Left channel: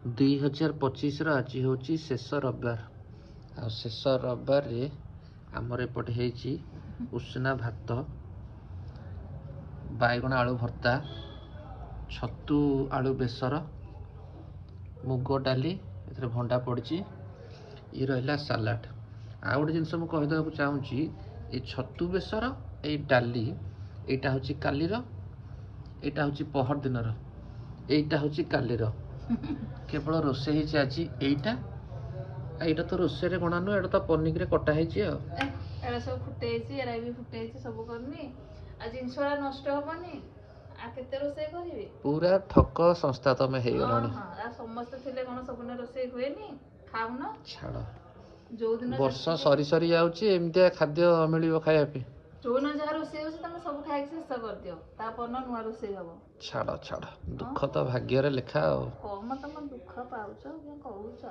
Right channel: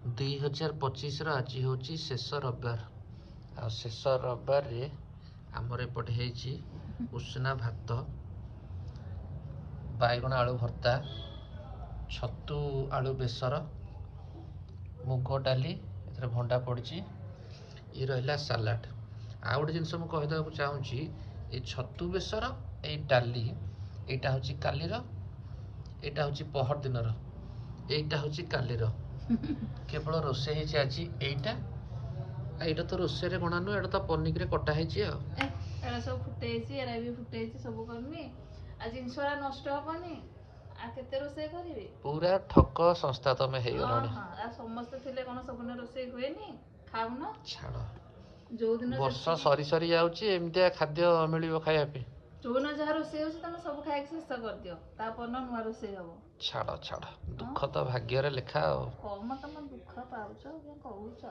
2025 आज हूँ शेष रविवार शेष रविवार आमर एपटे है उषुना भात बैगण आलू भर्ता छतु आलू बेसर मुग डाली ए भंडा पड़ी ये रहा सालाड आ गए जिनस मुझे कहीदेक चाहूँगी ये छतु बेसर ये डाली यहाँ हूँ कालीर यहाँ हूँ पहर दिन यहाँ हूँ कालीर केवल रोसे आज यहाँ तो रोसे गणा नुह एटा तो पनिक कटाई सब फुटे भी फुटे सब करनी जिनसा नष्ट हेनी केते रोसे करी पूरा ठक संस्था तुम हो समस्त थे कौन सब रोसे हुए खाऊन छाड़ जो दिन वर्ष सरी सरी जामती खाद्य मिल खायापी जो दिन जहाँ रोसे तुम सब खाई शेष कर दियो तापर नुआ रोसे हम छाड़ छाड़ दुख तो भाग्य लेखा कम तुम दुख पाच कहूच।